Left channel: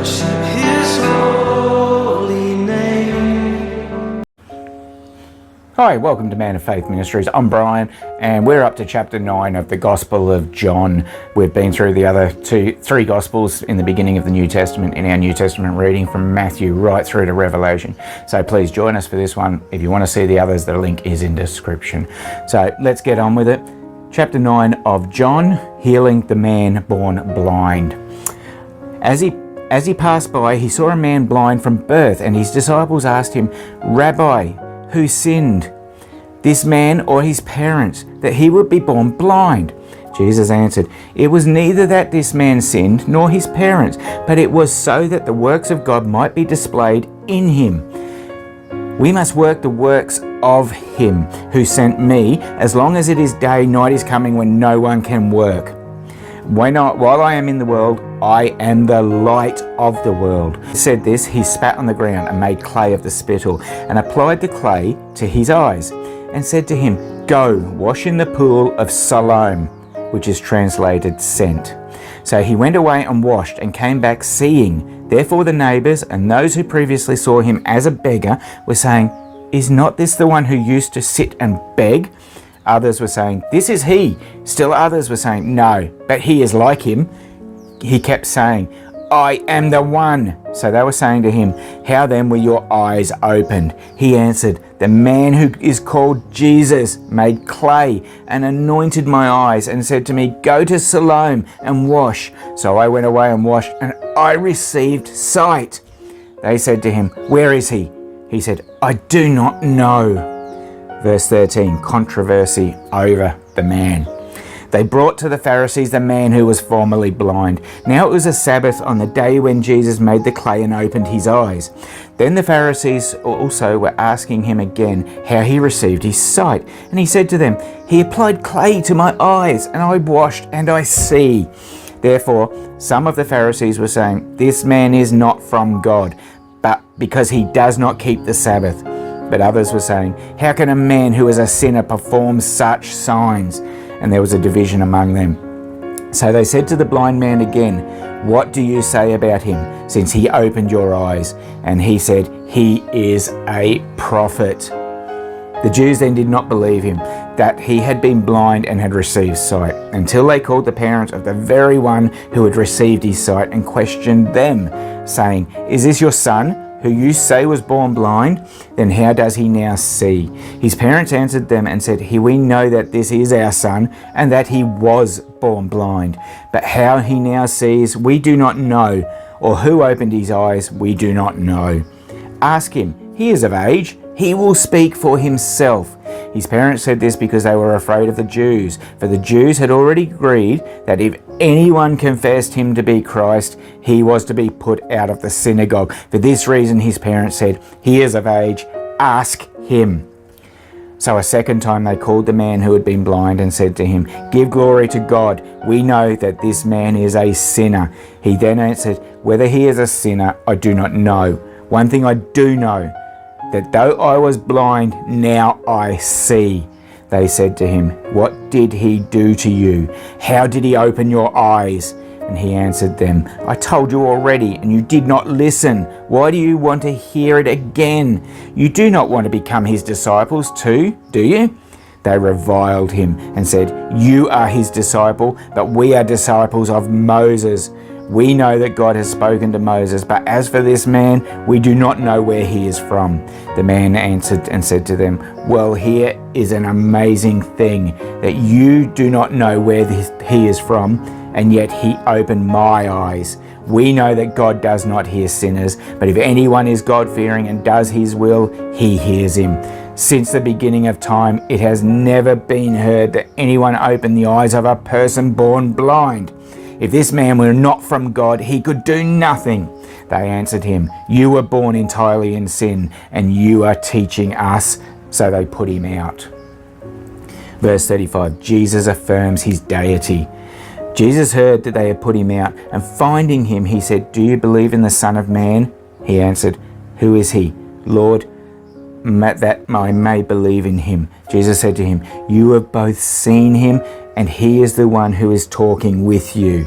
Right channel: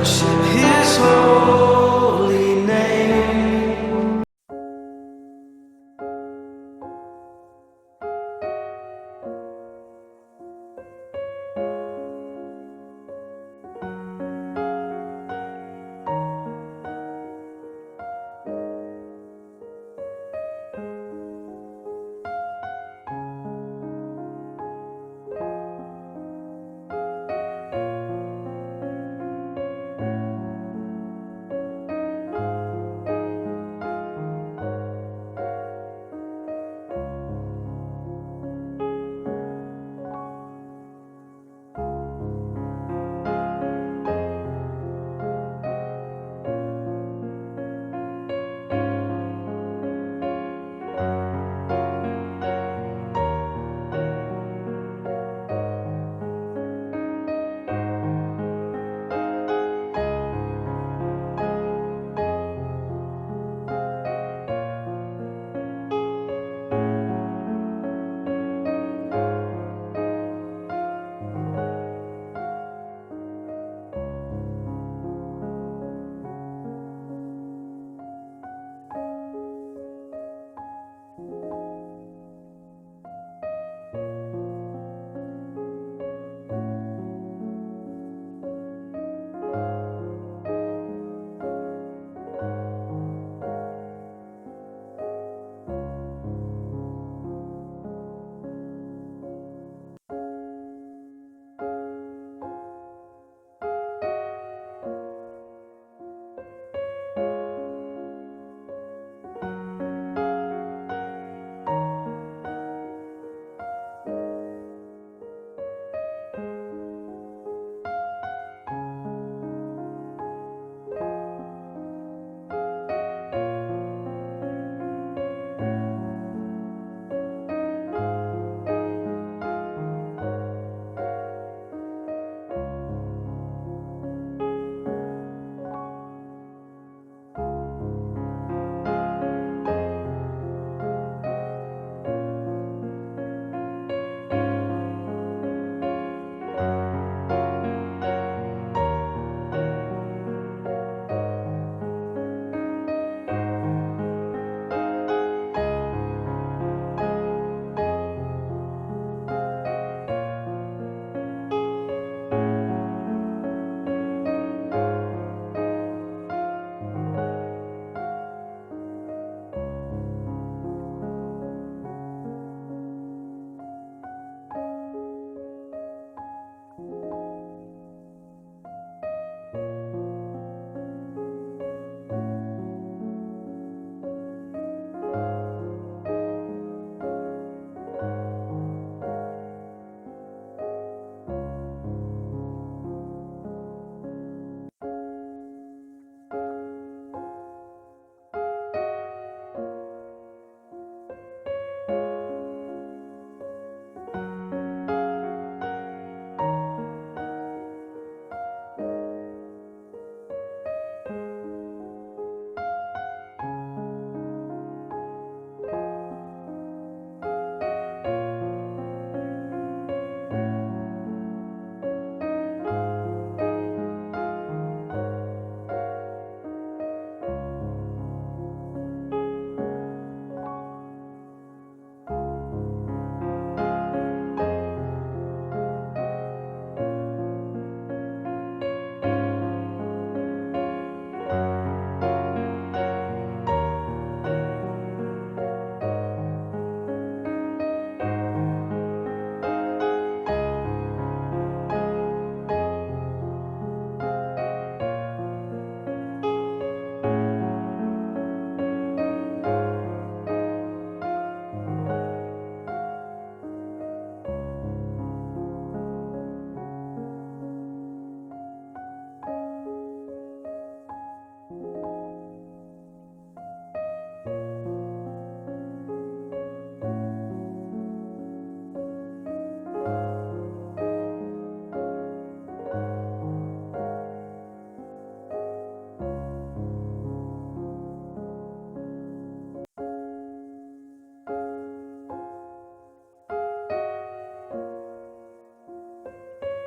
worship his holy name. Hi, welcome to Man of Faith Ministries. I'm Brian, and we're up to chapter 9 of the Gospel of John. We've been through the other three Gospels in the beginning of the New Testament in our New Testament reading from Matthew right through to Revelation. So please join us for this one. If you want to see the others, the link is in description. So let's get on with it. Chapter 9 of John, healing the man born blind. As he passed by, he saw a man blind from birth, and his disciples asked him, "Rabbi, who sinned, this man or his parents, that he would be born blind?" Jesus answered, "It was neither that this man sinned nor his parents, but it was so that the works of God might be displayed in him. We must work the works of him who sent me, as long as it is day, night is coming when no one can work. While I am in the world, I am the light of the world." He said this, he spat on the ground and made clay of the spittle, and applied the clay to his eyes, and said to him, "Go, wash in the pool of Siloam," which is translated sent. So he went away and washed, and came back seeing. Therefore the neighbours and those who previously saw him as a beggar were saying, "Is not this the one who used to sit and beg?" Others were saying, "This is he." Still others were saying, "No, but he is like him." He kept saying, "I am the one." So they were saying to him, "How then were your eyes opened?" He answered, "The man who is called Jesus made clay and anointed my eyes and said to me, 'Go to Siloam and wash.' So I went away and washed, and I received sight." They said to him, "Where is he?" He said, "I do not know." Verse 13, controversy over the man. They brought to the Pharisees the man who was formerly blind. Now it was a Sabbath on the day when Jesus made the clay and opened his eyes. Then the Pharisees also were asking him again how he received his sight. And he said to them, "He applied clay to my eyes, and I washed, and I see." Therefore some of the Pharisees were saying, "This man is not from God, but because he does not keep the Sabbath." But others were saying, "How can a man who is a sinner perform such signs?" And there was a division among them. So they said to the blind man again, "What do you say about him, since he opened your eyes?" And he said, "He is a prophet." The Jews then did not believe him, that he had been blind and had received sight, until they called the parents of the very one who had received his sight and questioned them, saying, "Is this your son, who you say was born blind? Then how does he now see?" His parents answered them and said, "We know that this is our son, and that he was born blind. But how he now sees, we do not know, or who opened his eyes, we do not know. Ask him, he is of age, he will speak for himself." His parents said this because they were afraid of the Jews, for the Jews had already agreed that if anyone confessed him to be Christ, he was to be put out of the synagogue. For this reason his parents said, "He is of age, ask him." So a second time they called the man who had been blind and said to him, "Give glory to God. We know that this man is a sinner." He then answered, "Whether he is a sinner, I do not know. One thing I do know, that though I was blind, now I see." They said to him, "What did he do to you? How did he open your eyes?" And he answered them, "I told you already, and you did not listen. Why do you want to hear it again? You do not want to become his disciples too, do you?" They reviled him and said, "You are his disciple, but we are disciples of Moses. We know that God has spoken to Moses, but as for this man, we do not know where he is from." The man answered and said to them, "Well, here is an amazing thing, that you do not know where he is from, and yet he opened my eyes. We know that God does not hear sinners, but if anyone is God-fearing and does his will, he hears him. Since the beginning of time, it has never been heard that anyone opened the eyes of a person born blind. If this man were not from God, he could do nothing." They answered him, "You were born entirely in sin, and you are teaching us." So they put him out. Verse 35, Jesus affirms his deity. Jesus heard that they had put him out, and finding him, he said, "Do you believe in the Son of Man?" He answered, "Who is he, Lord, that I may believe in him?" Jesus said to him, "You have both seen him, and he is the one who is talking with you."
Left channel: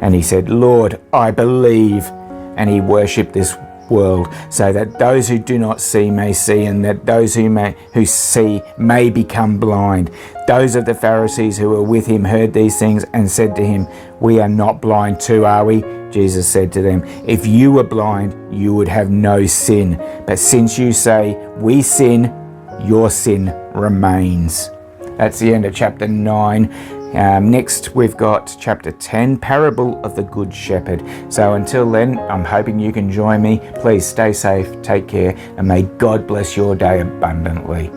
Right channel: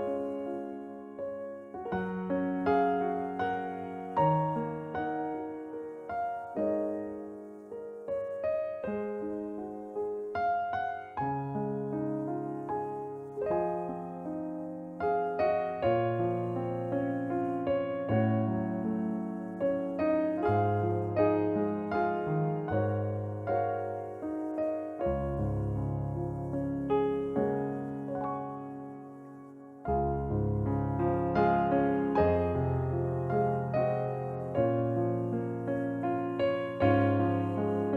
And he said, "Lord, I believe." and he worshipped this world, so that those who do not see may see, and that those who see may become blind. Those of the Pharisees who were with him heard these things and said to him, "We are not blind too, are we?" Jesus said to them, "If you were blind, you would have no sin. But since you say, 'We sin,' your sin remains." That's the end of chapter 9. Next, we've got chapter 10, Parable of the Good Shepherd. So until then, I'm hoping you can join me. Please stay safe, take care, and may God bless your day abundantly.